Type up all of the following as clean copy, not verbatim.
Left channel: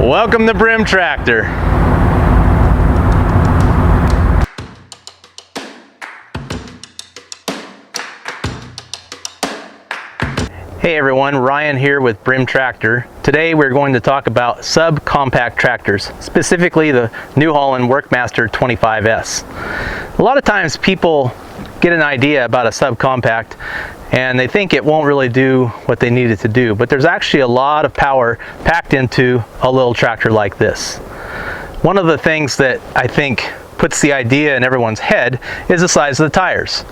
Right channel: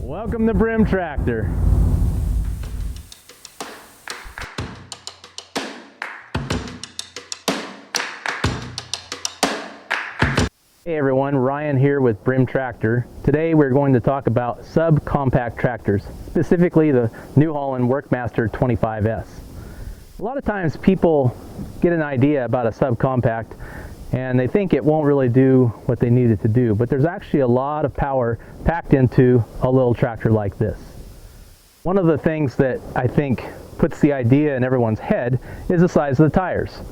Welcome to Brim Tractor. Hey everyone, Ryan here with Brim Tractor. Today we're going to talk about subcompact tractors, specifically the New Holland Workmaster 25s. A lot of times people get an idea about a subcompact and they think it won't really do what they need it to do, but there's actually a lot of power packed into a little tractor like this. One of the things that I think puts the idea in everyone's head is the size of the tires.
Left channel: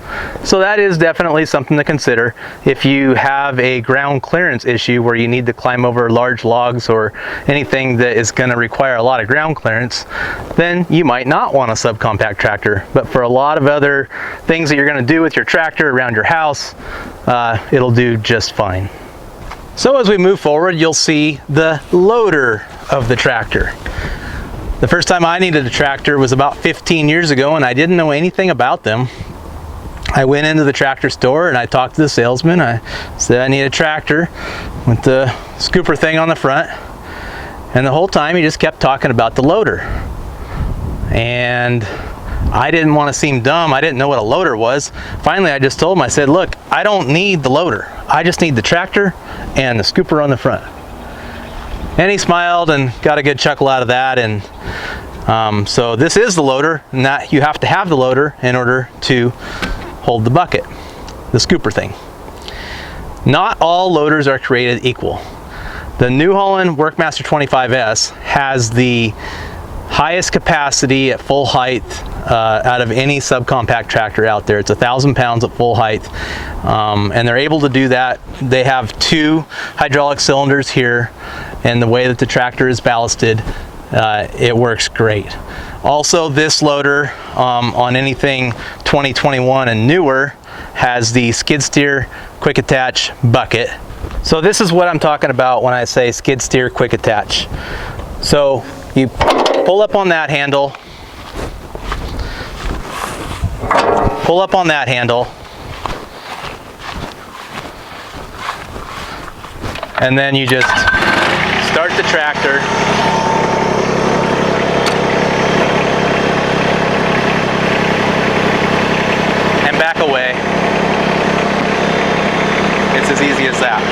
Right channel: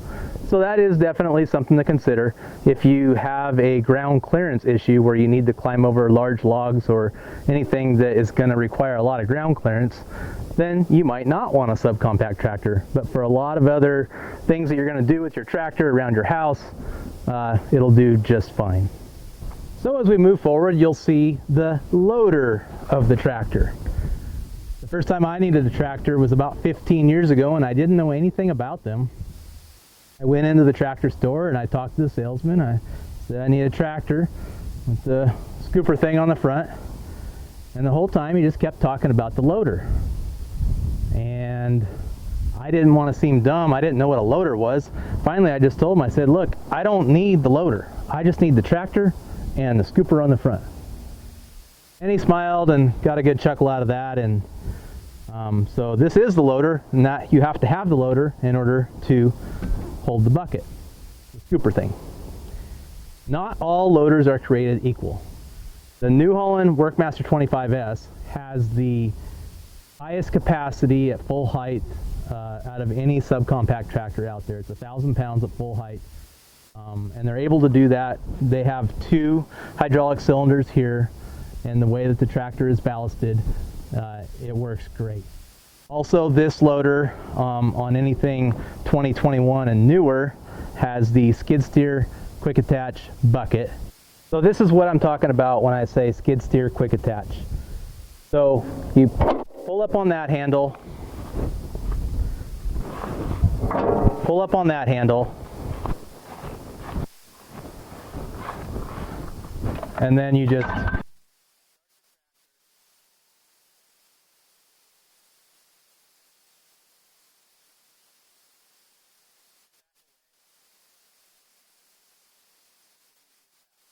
So that is definitely something to consider. If you have a ground clearance issue where you need to climb over large logs or anything that is going to require a lot of ground clearance, then you might not want a subcompact tractor. But for a lot of other things that you're going to do with your tractor around your house, it'll do just fine. So as we move forward, you'll see the loader of the tractor. The first time I needed a tractor was about 15 years ago, and I didn't know anything about them. I went into the tractor store and I talked to the salesman. I said I need a tractor with the scooper thing on the front. And the whole time he just kept talking about the loader. And I didn't want to seem dumb. I didn't know what a loader was. Finally, I just told him, I said, look, I don't need the loader. I just need the tractor and the scooper on the front. And he smiled and got a good chuckle out of that. And so this is the loader, and that you have to have the loader in order to hold the bucket, the scooper thing. Not all loaders are created equal. The New Holland Workmaster 25s has the highest capacity at full height out of any subcompact tractor out there. It's 1,000 pounds at full height. And they're able to do that. They have 2 hydraulic cylinders here, and the way that the tractor is ballasted, it works great. Also, this loader on anything 2021 and newer has the skid steer quick attach bucket. So this is what I'm talking about when I say skid steer quick attach. So you pull up on that handle, pull up on that handle, and then you just start the tractor and back away. It's as easy as that.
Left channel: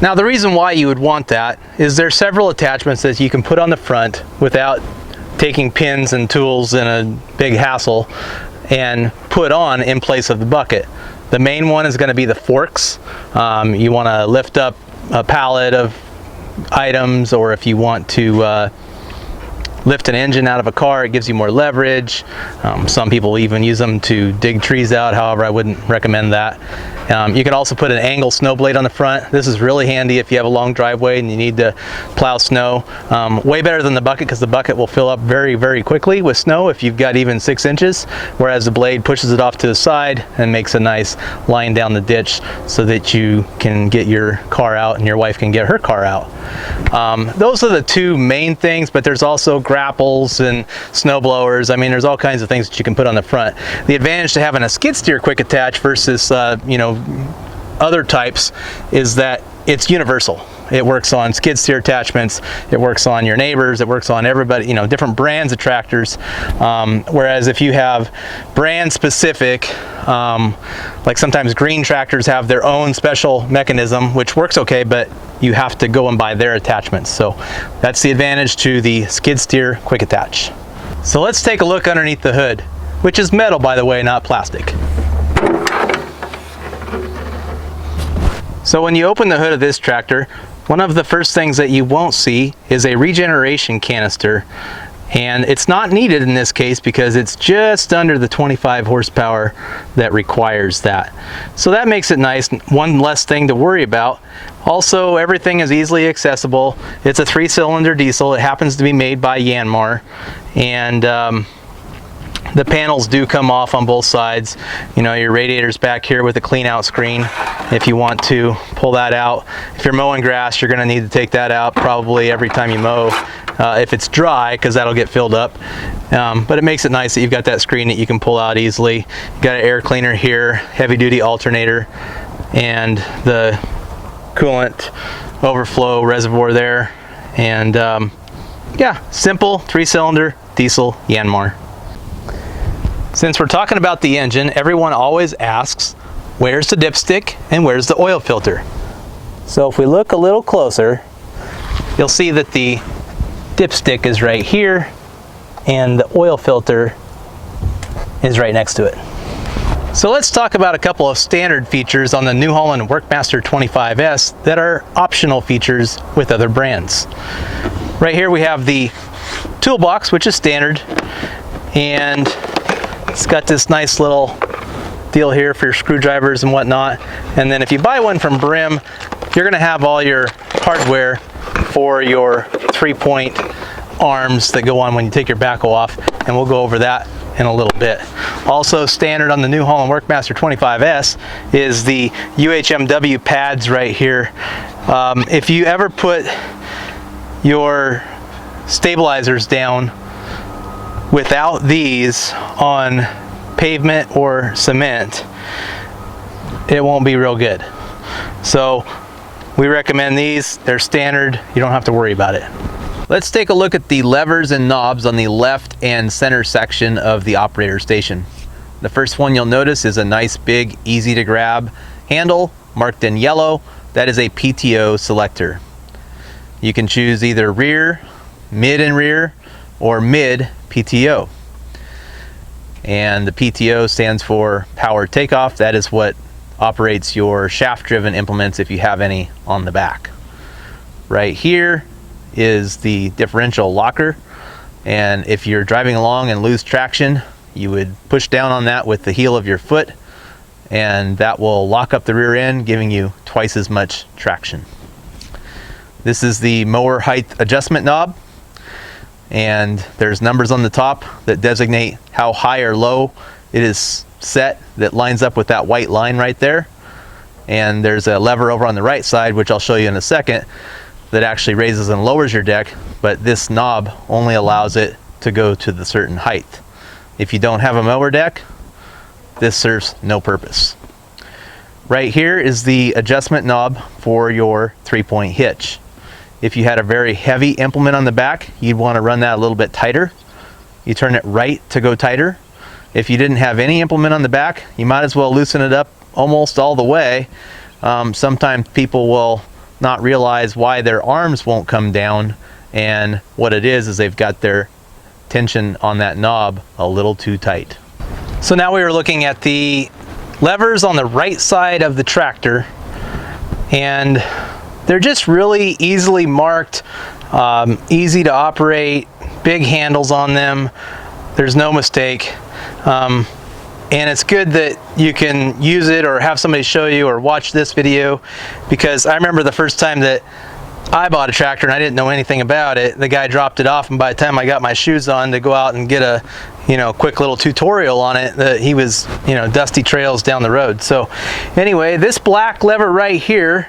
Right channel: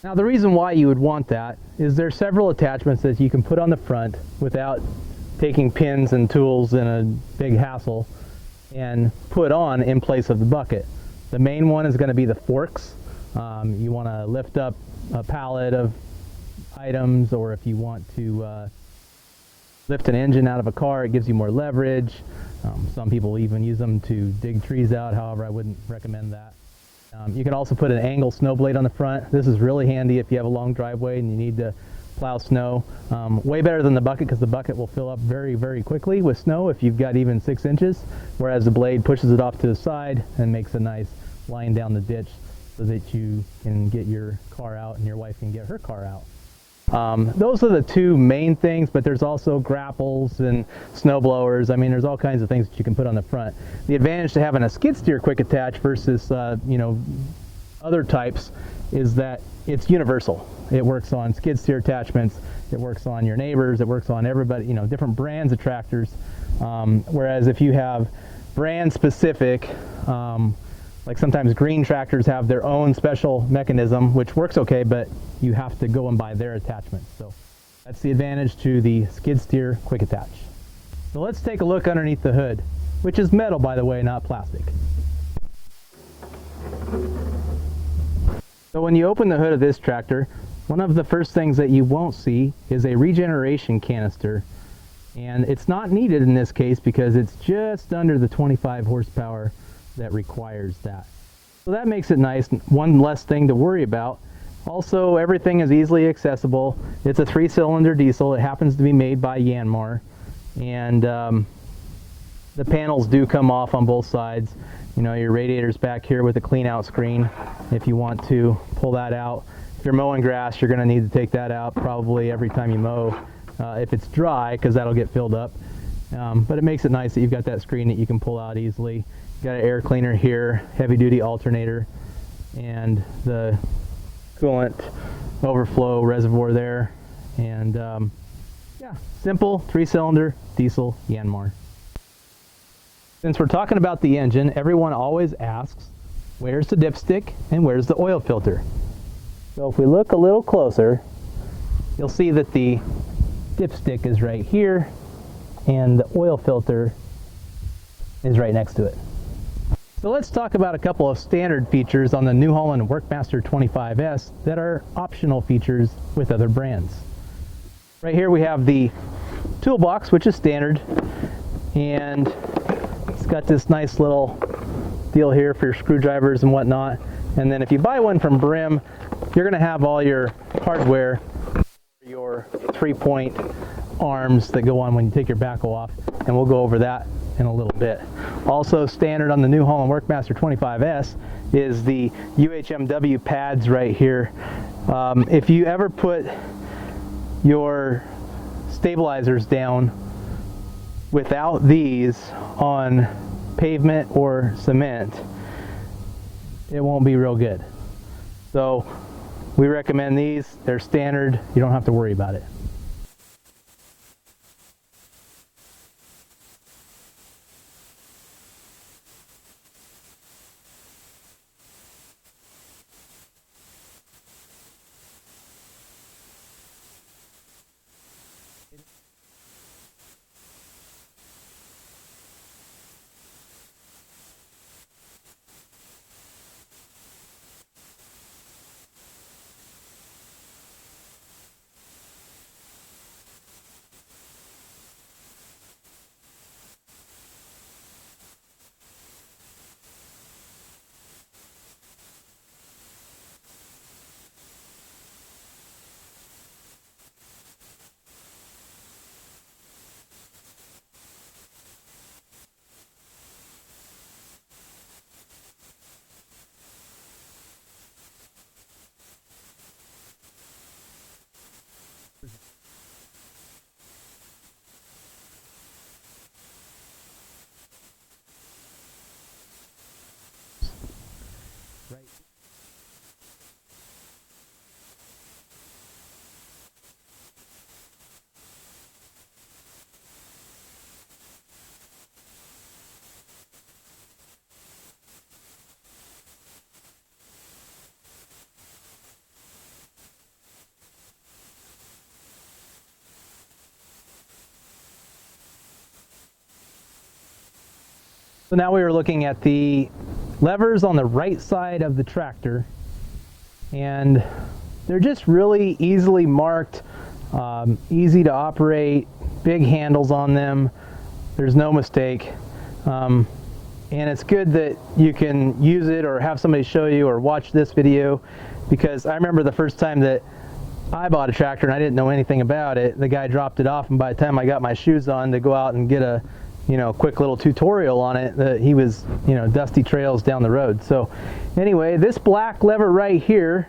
Now the reason why you would want that is there's several attachments that you can put on the front without taking pins and tools and a big hassle and put on in place of the bucket. The main one is going to be the forks. You want to lift up a pallet of items, or if you want to lift an engine out of a car, it gives you more leverage. Some people even use them to dig trees out. However, I wouldn't recommend that. You can also put an angle snow blade on the front. This is really handy if you have a long driveway and you need to plow snow. Way better than the bucket, because the bucket will fill up very, very quickly with snow if you've got even 6 inches, whereas the blade pushes it off to the side and makes a nice line down the ditch so that you can get your car out and your wife can get her car out. Those are the 2 main things, but there's also grapples and snow blowers. I mean, there's all kinds of things that you can put on the front. The advantage to having a skid steer quick attach versus other types is that it's universal. It works on skid steer attachments, it works on your neighbors, it works on everybody, different brands of tractors. Whereas if you have brand specific, like sometimes green tractors have their own special mechanism, which works okay, but you have to go and buy their attachments. So that's the advantage to the skid steer quick attach. So let's take a look underneath the hood, which is metal, by the way, not plastic. So when you open the hood of this tractor, one of the first things that you won't see is a regeneration canister. And it's not needed in this case because it's just under the 25 horsepower that requires that. So that makes it nice, one less thing to worry about. Also, everything is easily accessible. It's a 3-cylinder diesel. It happens to be made by Yanmar. And the panels do come off on both sides. Your radiator's back here with a clean out screen if you want to pull that out. If you're mowing grass, you're going to need to take that out probably every time you mow if it's dry, because that'll get filled up. But it makes it nice that you've got that screen that you can pull out easily. You've got an air cleaner here, heavy duty alternator, and the coolant overflow reservoir there And yeah, simple 3-cylinder diesel Yanmar. Since we're talking about the engine, everyone always asks, where's the dipstick and where's the oil filter? So if we look a little closer, you'll see that the dipstick is right here and the oil filter is right next to it. So let's talk about a couple of standard features on the New Holland Workmaster 25s that are optional features with other brands. Right here we have the toolbox, which is standard, and it's got this nice little deal here for your screwdrivers and whatnot. And then if you buy one from Brim, you're gonna have all your hardware for your 3-point arms that go on when you take your backhoe off, and we'll go over that in a little bit. Also standard on the New Holland Workmaster 25s is the UHMW pads right here. If you ever put your stabilizers down without these on pavement or cement, it won't be real good. So we recommend these. They're standard. You don't have to worry about it. Let's take a look at the levers and knobs on the left and center section of the operator station. The first one you'll notice is a nice big easy to grab handle marked in yellow. That is a PTO selector. You can choose either rear, mid and rear, or mid PTO. And the PTO stands for power takeoff. That is what operates your shaft driven implements if you have any on the back. Right here is the differential locker, and if you're driving along and lose traction, you would push down on that with the heel of your foot, and that will lock up the rear end, giving you twice as much traction. This is the mower height adjustment knob, and there's numbers on the top that designate how high or low it is set, that lines up with that white line right there. And there's a lever over on the right side, which I'll show you in a second, that actually raises and lowers your deck, but this knob only allows it to go to the certain height. If you don't have a mower deck, this serves no purpose. Right here is the adjustment knob for your 3-point hitch. If you had a very heavy implement on the back, you'd want to run that a little bit tighter. You turn it right to go tighter. If you didn't have any implement on the back, you might as well loosen it up almost all the way. Sometimes people will not realize why their arms won't come down, and what it is they've got their tension on that knob a little too tight. So now we are looking at the levers on the right side of the tractor, and they're just really easily marked, easy to operate, big handles on them. There's no mistake. And it's good that you can use it or have somebody show you or watch this video, because I remember the first time that I bought a tractor and I didn't know anything about it. The guy dropped it off, and by the time I got my shoes on to go out and get a quick little tutorial on it, that he was dusty trails down the road. So anyway, this black lever right here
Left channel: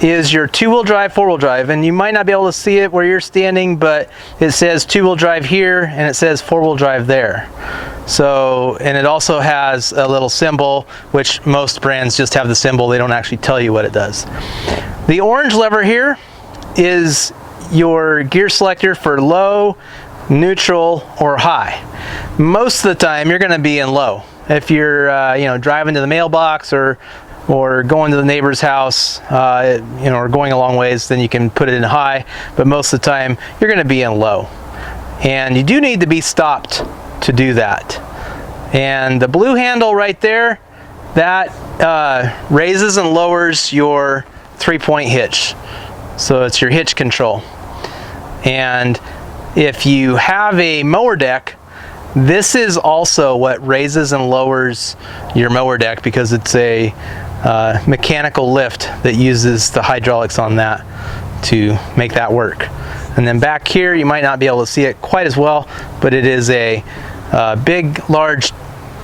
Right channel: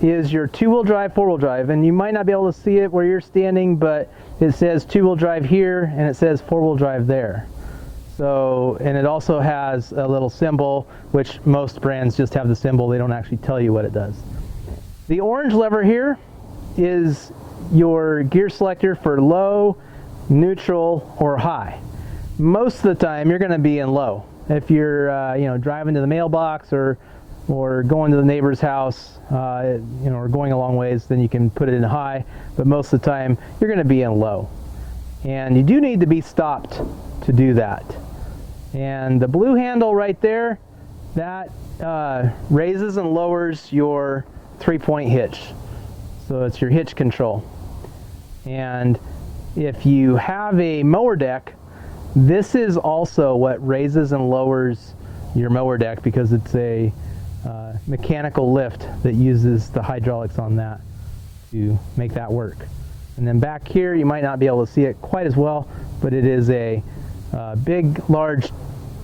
is your 2-wheel drive, 4-wheel drive, and you might not be able to see it where you're standing, but it says 2-wheel drive here and it says 4-wheel drive there. So, and it also has a little symbol, which most brands just have the symbol, they don't actually tell you what it does. The orange lever here is your gear selector for low, neutral, or high. Most of the time you're going to be in low. If you're driving to the mailbox or going to the neighbor's house, or going a long ways, then you can put it in high, but most of the time you're going to be in low. And you do need to be stopped to do that. And the blue handle right there, that raises and lowers your 3-point hitch. So it's your hitch control. And if you have a mower deck, this is also what raises and lowers your mower deck, because it's a mechanical lift that uses the hydraulics on that to make that work. And then back here, you might not be able to see it quite as well, but it is a big, large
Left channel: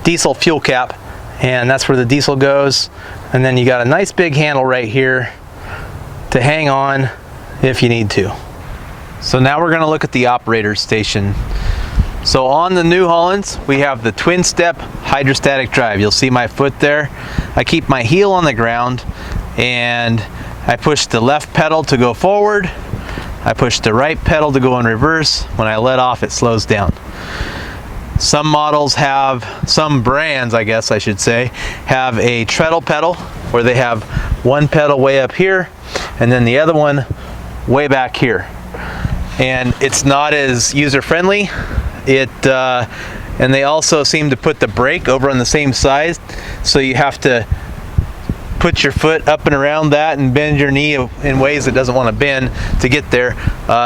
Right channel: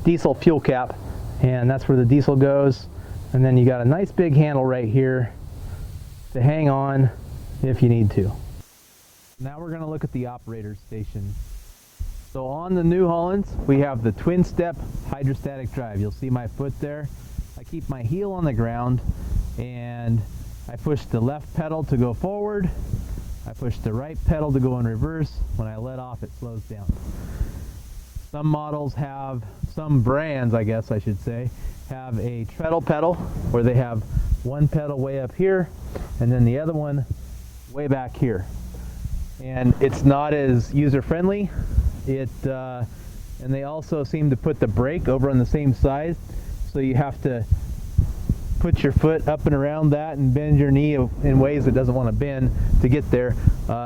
diesel fuel cap, and that's where the diesel goes. And then you got a nice big handle right here to hang on if you need to. So now we're going to look at the operator station. So on the New Hollands, we have the twin step hydrostatic drive. You'll see my foot there. I keep my heel on the ground and I push the left pedal to go forward, I push the right pedal to go in reverse. When I let off, it slows down. Some models have, some brands I guess I should say, have a treadle pedal where they have one pedal way up here and then the other one way back here. And it's not as user-friendly. And they also seem to put the brake over on the same side, so you have to put your foot up and around that and bend your knee in ways it doesn't want to bend to get there.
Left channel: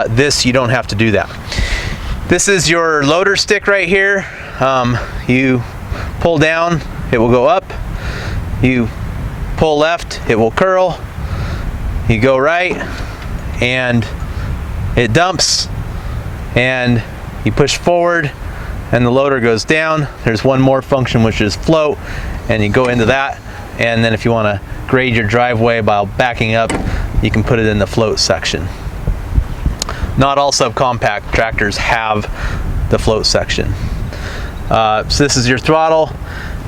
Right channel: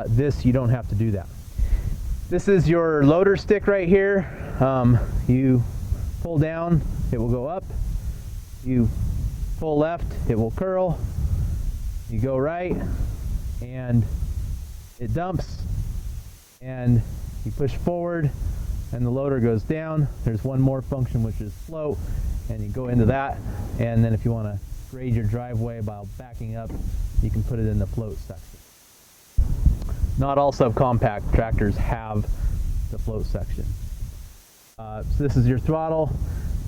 This, you don't have to do that. This is your loader stick right here. You pull down, it will go up. You pull left, it will curl. You go right, and it dumps, and you push forward, and the loader goes down. There's one more function, which is float, and you go into that. And then if you want to grade your driveway by backing up, you can put it in the float section. Not all subcompact tractors have the float section. So this is your throttle.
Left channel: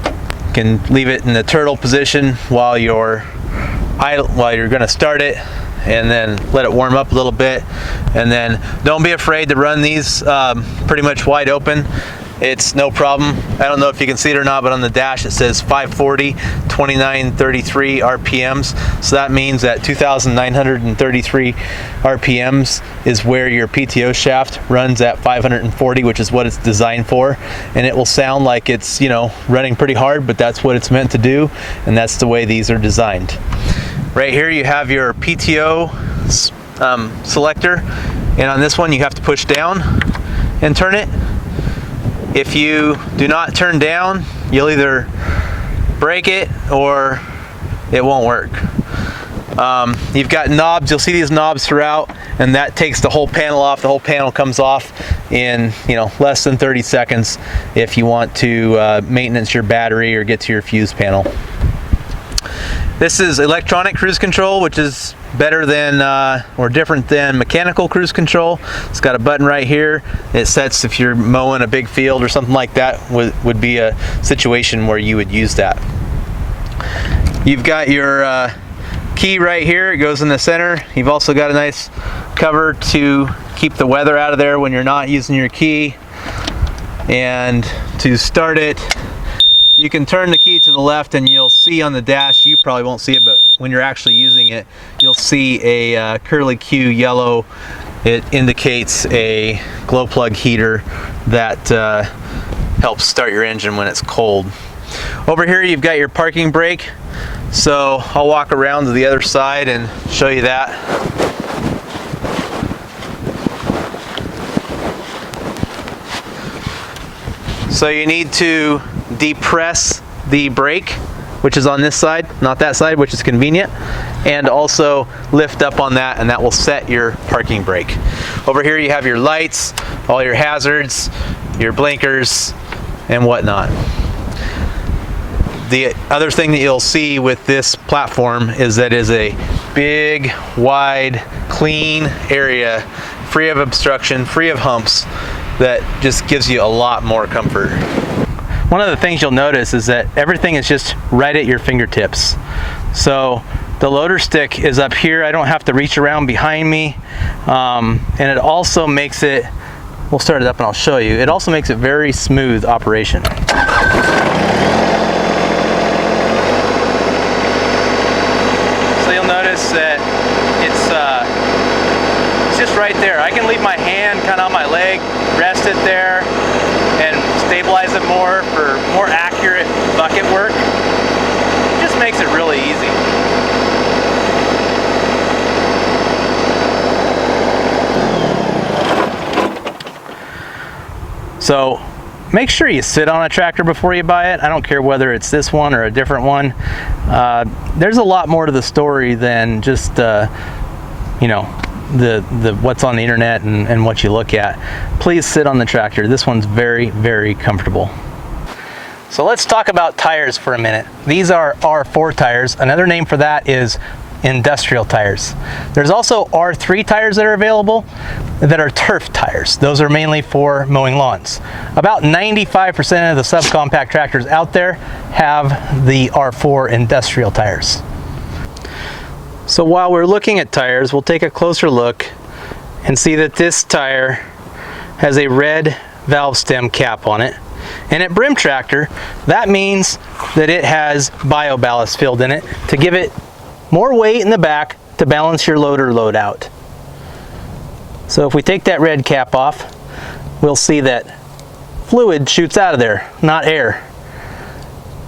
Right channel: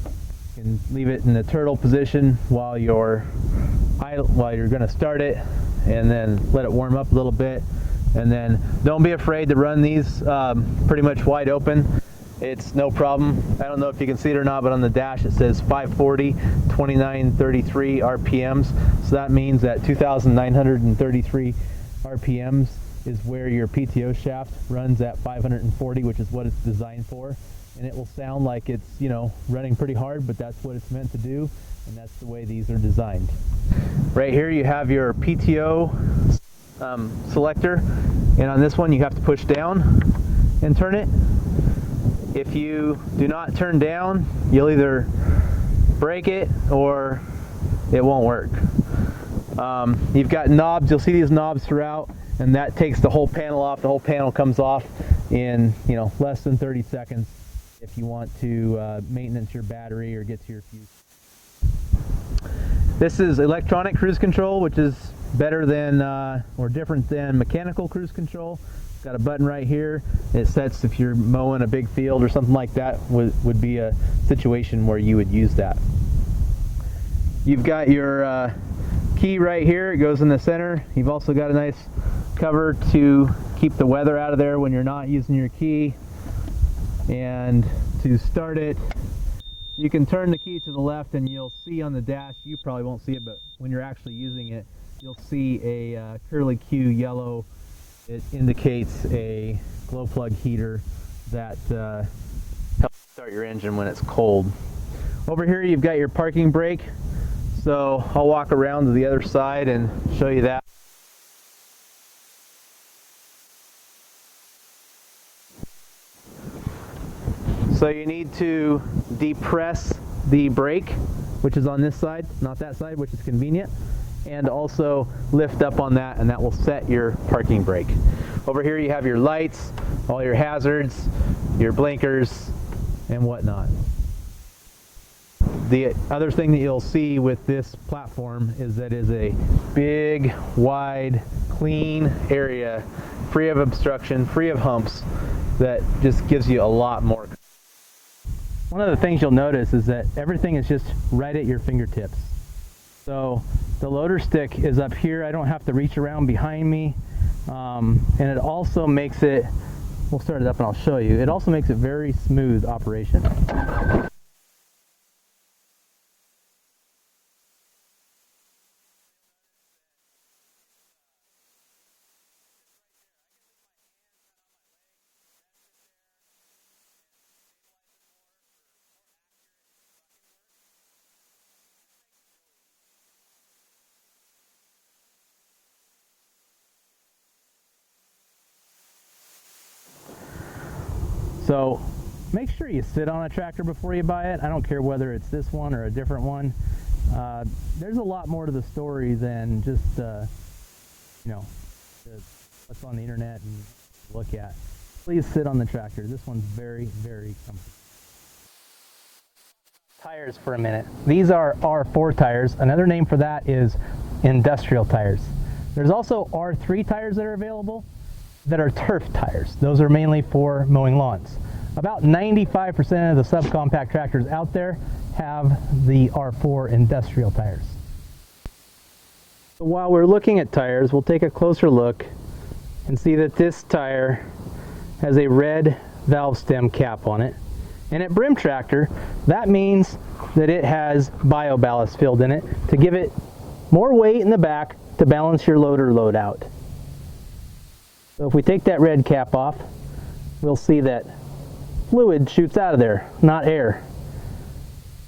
You can leave it in the turtle position while you're going to start it, and then let it warm up a little bit. And then don't be afraid to run these pretty much wide open. It's no problem. I don't know if you can see it or not, but on the dash it says 540, 2933 RPMs. So that means that 2,933 RPMs is where your PTO shaft runs at 540, which is what it's designed for. And it will sound like it's, you know, running pretty hard, but that's what it's meant to do. And that's the way these are designed. Right here you have your PTO selector. And on this one you have to push down and turn it. If you do not turn down, you'll either break it or it won't work. You've got knobs, you'll see these knobs throughout, and that takes the whole panel off. The whole panel comes off in, you know, less than 30 seconds if you want to maintenance your battery or get to your fuse panel. This is electronic cruise control, which is better than or different than mechanical cruise control. It's got a button right here. It sets if you're mowing a big field or something like that, would be a situation where you would use that. You've got your key right here. It goes in the center. You've also got a nice cover to keep the weather out of there when you're not using your key. And to start it, you can turn the key to the left and you'll see on the dash, you probably won't see it, but when you're actually using it, you'll see a curly Q yellow. It indicates a glow plug heater that helps start your engine when it's cold. Over here you've got your parking brake. So I'll walk around to the other side and show you that. So you need to depress the brake, which is on this side, not that side, which is convenient, and also lift up on that, and that will set your parking brake. Over here you have your lights, all your hazards, your blinkers, and whatnot. The other thing that you'll see with this platform is that it is a big, wide, clean area, free of obstruction, free of humps, that just gives you a lot more comfort. One of the things you'll notice is that everything is just right at your fingertips. So the loader stick is up here. I don't have to reach around behind me. And it also makes it, we'll start it up and I'll show you, it also makes it very smooth operation. So you'll notice that it's just right there. I can leave my hand kind of on my leg, rest it there, and stabilize it more for more accurate bucket work. It just makes it really easy. So make sure you sit on a tractor before you buy it. I don't care whether it's this one or a different one. There's a lot more to the story than just you know, the what's on the internet and what you look at. Please sit on the tractor. This one's very, very comfortable. So let's talk about tires for a minute. These are R4 tires. Another name for that is industrial tires. There's also R3 tires that are available that are turf tires. Those are mainly for mowing lawns. About 95% of the subcompact tractors out there have the R4 industrial tires. So while we're looking at tires, we'll take a closer look and see that this tire has a red valve stem cap on it. And at Brim Tractor, that means that it has bio ballast filled in it to give it more weight in the back to balance your load or load out. So if we take that red cap off, we'll see that fluid shoots out of there, not air.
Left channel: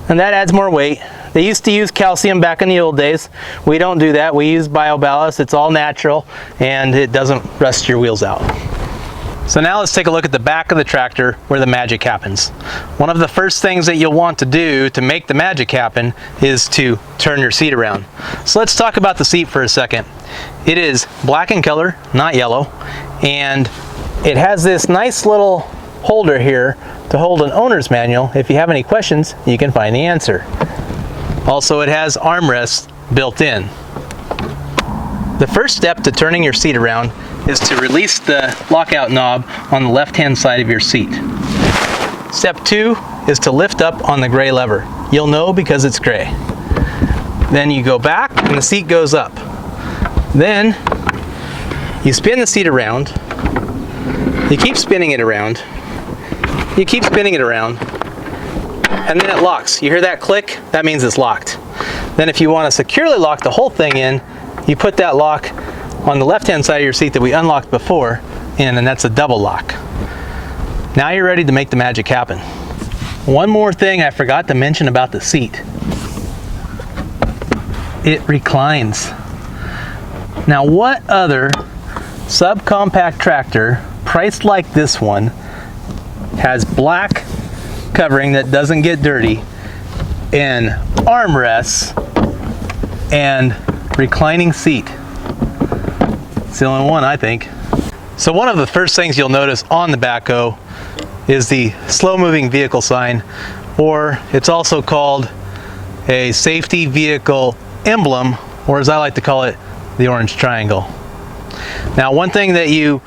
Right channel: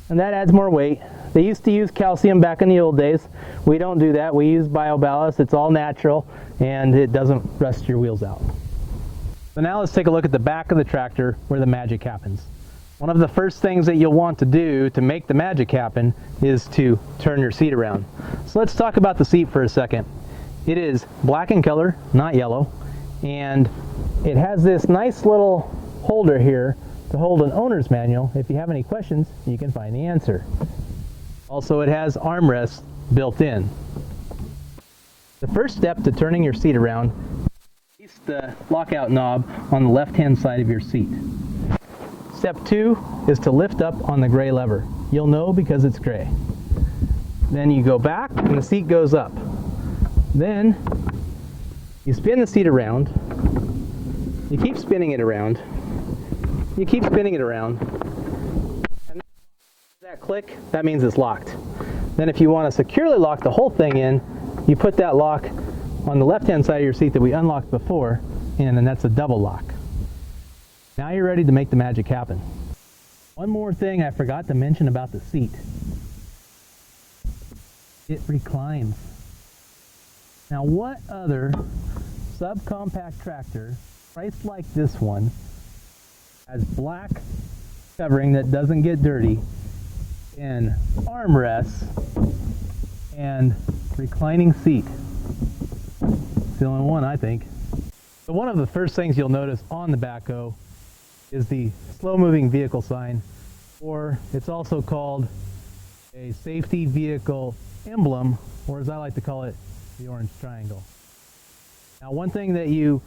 And that adds more weight. They used to use calcium back in the old days. We don't do that. We use bio ballast. It's all natural and it doesn't rust your wheels out. So now let's take a look at the back of the tractor where the magic happens. One of the first things that you'll want to do to make the magic happen is to turn your seat around. So let's talk about the seat for a second. It is black in color, not yellow, and it has this nice little holder here to hold an owner's manual. If you have any questions, you can find the answer. Also, it has armrests built in. The first step to turning your seat around is to release the lockout knob on the left-hand side of your seat. Step 2 is to lift up on the gray lever. You'll know because it's gray. Then you go back and the seat goes up. Then you spin the seat around. You keep spinning it around. You keep spinning it around. And then it locks. You hear that click? That means it's locked. Then if you want to securely lock the whole thing in, you put that lock on the left-hand side of your seat that we unlocked before in, and that's a double lock. Now you're ready to make the magic happen. One more thing I forgot to mention about the seat. It reclines. Now what other subcompact tractor priced like this one has black covering that doesn't get dirty and armrests and reclining seat? It's the only one, I think. So one of the first things you'll notice on the Backhoe is the slow moving vehicle sign, or it's also called a safety vehicle emblem, or as I like to call it, the orange triangle. Now one thing that you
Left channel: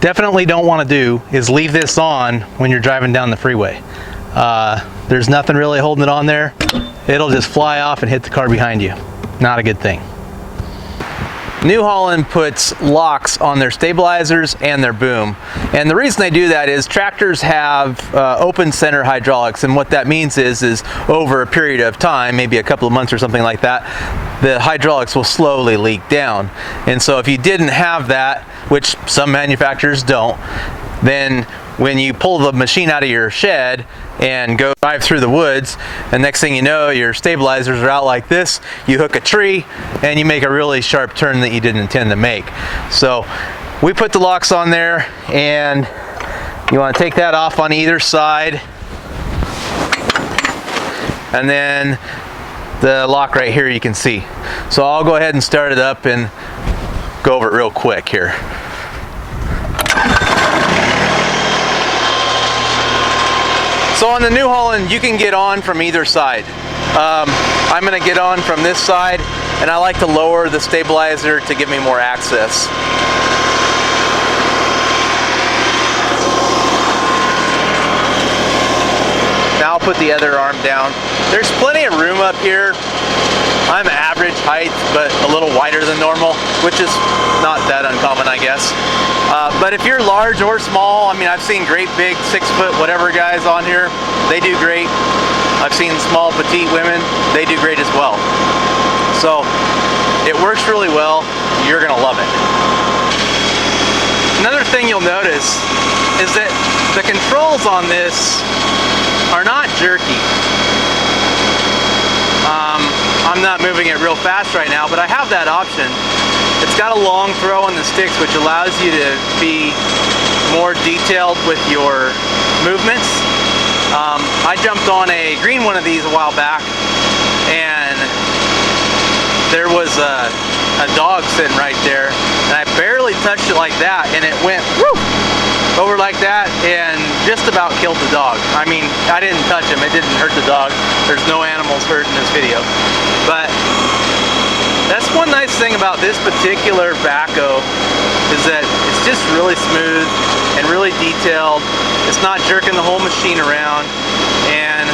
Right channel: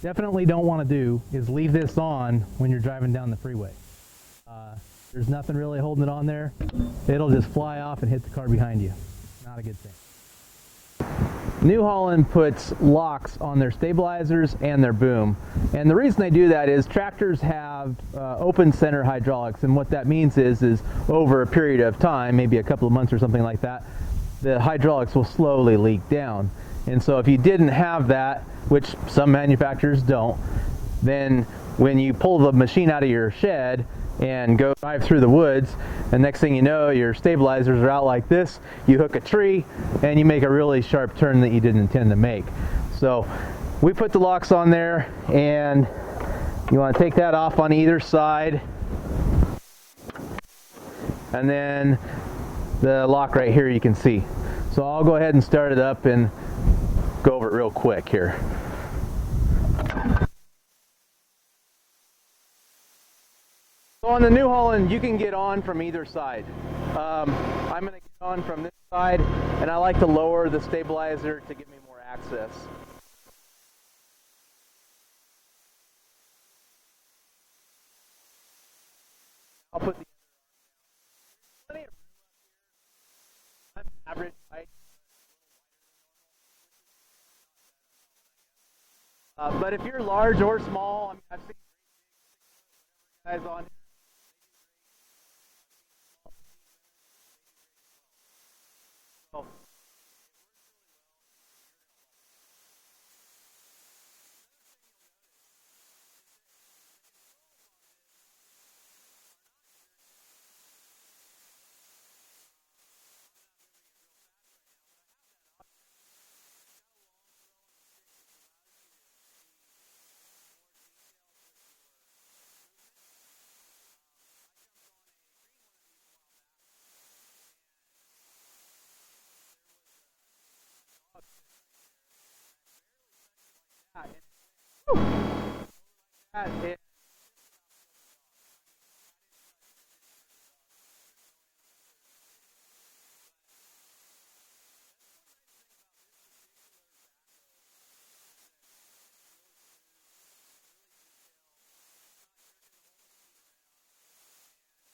definitely don't want to do is leave this on when you're driving down the freeway. There's nothing really holding it on there. It'll just fly off and hit the car behind you. Not a good thing. New Holland puts locks on their stabilizers and their boom. And the reason they do that is tractors have open center hydraulics, and what that means is over a period of time, maybe a couple of months or something like that, the hydraulics will slowly leak down. And so if you didn't have that, which some manufacturers don't, then when you pull the machine out of your shed and go drive through the woods, and next thing you know, your stabilizers are out like this, you hook a tree and you make a really sharp turn that you didn't intend to make. So we put the locks on there, and you want to take that off on either side, and then the lock right here you can see. So I'll go ahead and start it up and go over it real quick here. So on the New Holland, you can get on from either side. I'm going to get on from this side, and I like to lower the stabilizer to give me more access. Now I'll put the other arm down. There's plenty of room up here. I'm average height, but a little wider than normal, which is not that uncommon, I guess. But if you're large or small, I mean, I've seen great big 6 foot whatever guys on here. They do great. I've seen small petite women. They do great as well. So it works really well. You're gonna love it. Another thing you'll notice is that the controls on this are not jerky. I'm not moving it real fast right now, but I have that option. It's got a long throw on the sticks, which allows you to be more detailed with your movements. I jumped on a green one of these a while back, and there was a dog sitting right there, and I barely touched it like that, and it went whoo, over like that and just about killed the dog. I mean, I didn't touch him, it didn't hurt the dog. There's no animals hurt in this video. But that's one nice thing about this particular Backhoe, is that it's just really smooth and really detailed. It's not jerking the whole machine around, and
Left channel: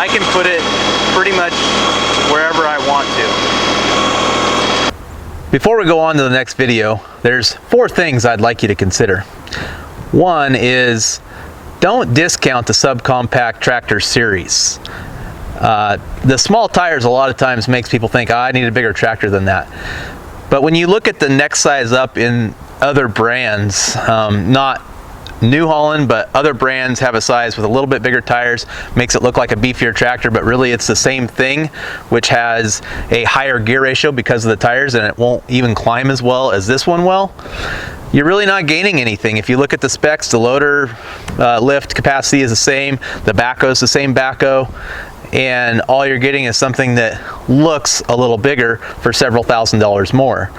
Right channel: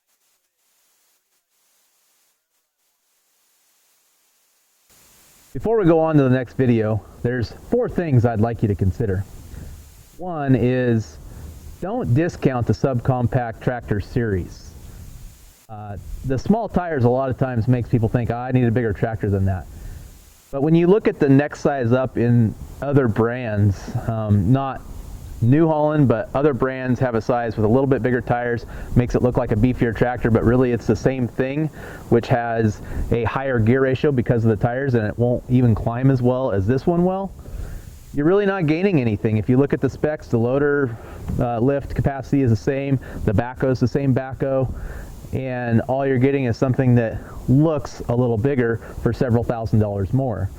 I can put it pretty much wherever I want to. Before we go on to the next video, there's 4 things I'd like you to consider. One is, don't discount the subcompact tractor series. The small tires a lot of times makes people think, oh, I need a bigger tractor than that. But when you look at the next size up in other brands, not New Holland, but other brands have a size with a little bit bigger tires, makes it look like a beefier tractor, but really it's the same thing, which has a higher gear ratio because of the tires, and it won't even climb as well as this one will. You're really not gaining anything. If you look at the specs, the loader lift capacity is the same, the backhoe is the same backhoe, and all you're getting is something that looks a little bigger for several $1,000s more.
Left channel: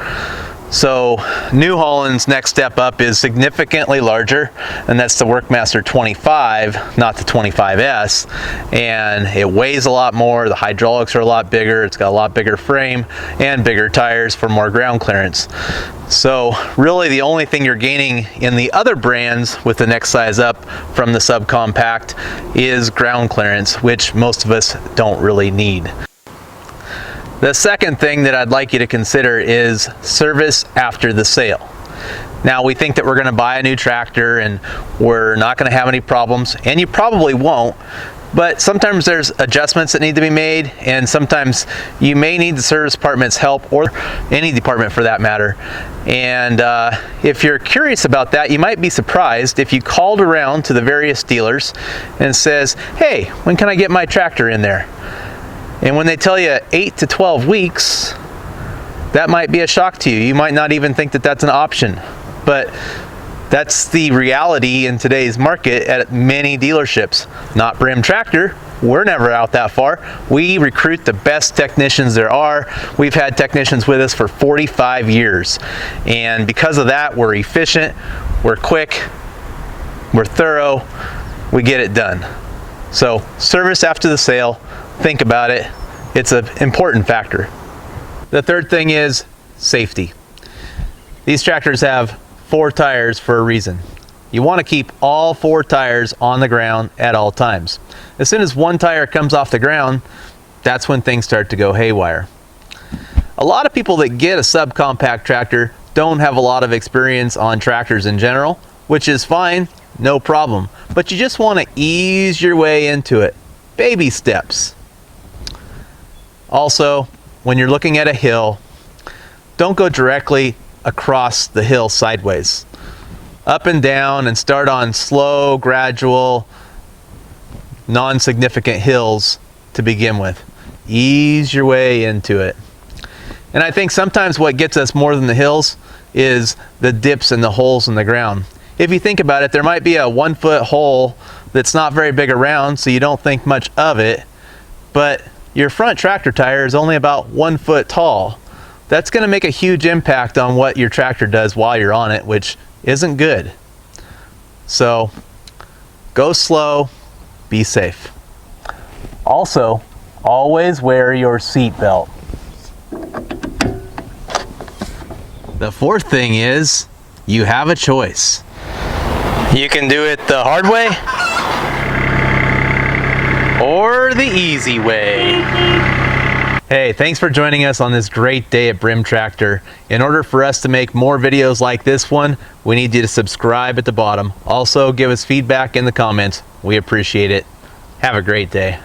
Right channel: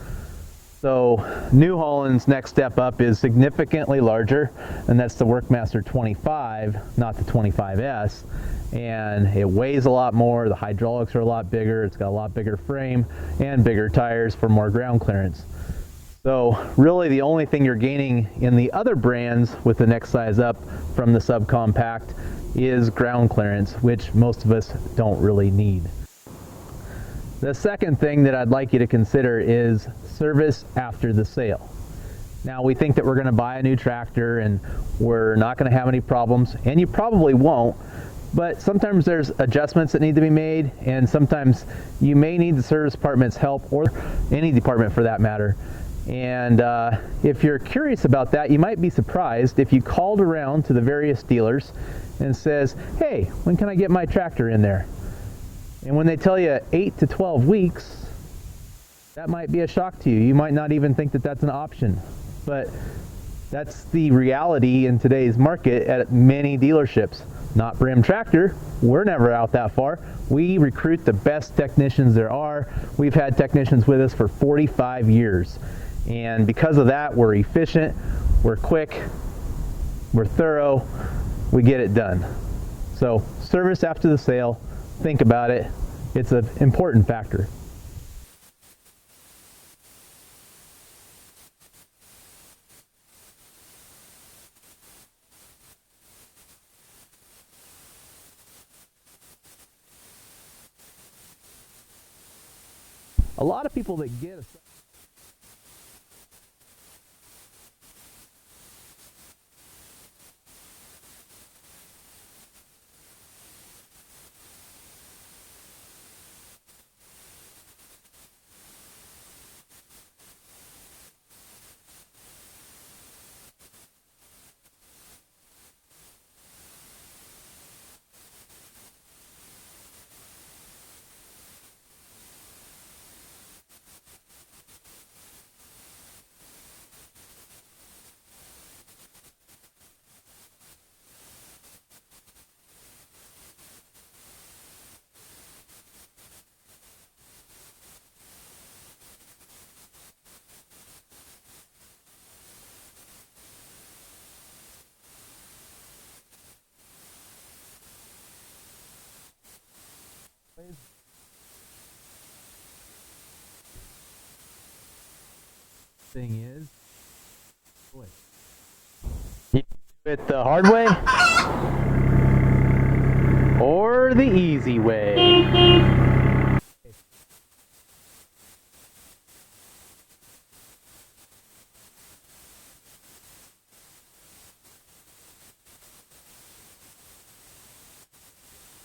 So New Holland's next step up is significantly larger, and that's the Workmaster 25, not the 25s, and it weighs a lot more, the hydraulics are a lot bigger, it's got a lot bigger frame and bigger tires for more ground clearance. So really the only thing you're gaining in the other brands with the next size up from the subcompact is ground clearance, which most of us don't really need. The second thing that I'd like you to consider is service after the sale. Now, we think that we're going to buy a new tractor and we're not going to have any problems, and you probably won't, but sometimes there's adjustments that need to be made, and sometimes you may need the service department's help, or any department for that matter. And if you're curious about that, you might be surprised if you called around to the various dealers and says, hey, when can I get my tractor in there? And when they tell you 8 to 12 weeks, that might be a shock to you. You might not even think that that's an option, but that's the reality in today's market at many dealerships. Not Brim Tractor, we're never out that far. We recruit the best technicians there are. We've had technicians with us for 45 years. And because of that, we're efficient, we're quick, we're thorough, we get it done. So service after the sale, think about it. It's an important factor. The third thing is safety. These tractors have 4 tires for a reason. You want to keep all 4 tires on the ground at all times. As soon as one tire comes off the ground, that's when things start to go haywire. A lot of people that get a subcompact tractor don't have a lot of experience on tractors in general, which is fine, no problem. But you just want to ease your way into it. Baby steps. Also, when you're looking at a hill, don't go directly across the hill sideways. Up and down, and start on slow, gradual, non-significant hills to begin with. Ease your way into it. And I think sometimes what gets us more than the hills is the dips and the holes in the ground. If you think about it, there might be a 1-foot hole that's not very big around, so you don't think much of it, but your front tractor tire is only about 1 foot tall. That's going to make a huge impact on what your tractor does while you're on it, which isn't good. So go slow, be safe. Also, always wear your seat belt. The fourth thing is, you have a choice. You can do it the hard way or the easy way. Hey, thanks for joining us on this great day at Brim Tractor. In order for us to make more videos like this one, we need you to subscribe at the bottom. Also, give us feedback in the comments. We appreciate it. Have a great day.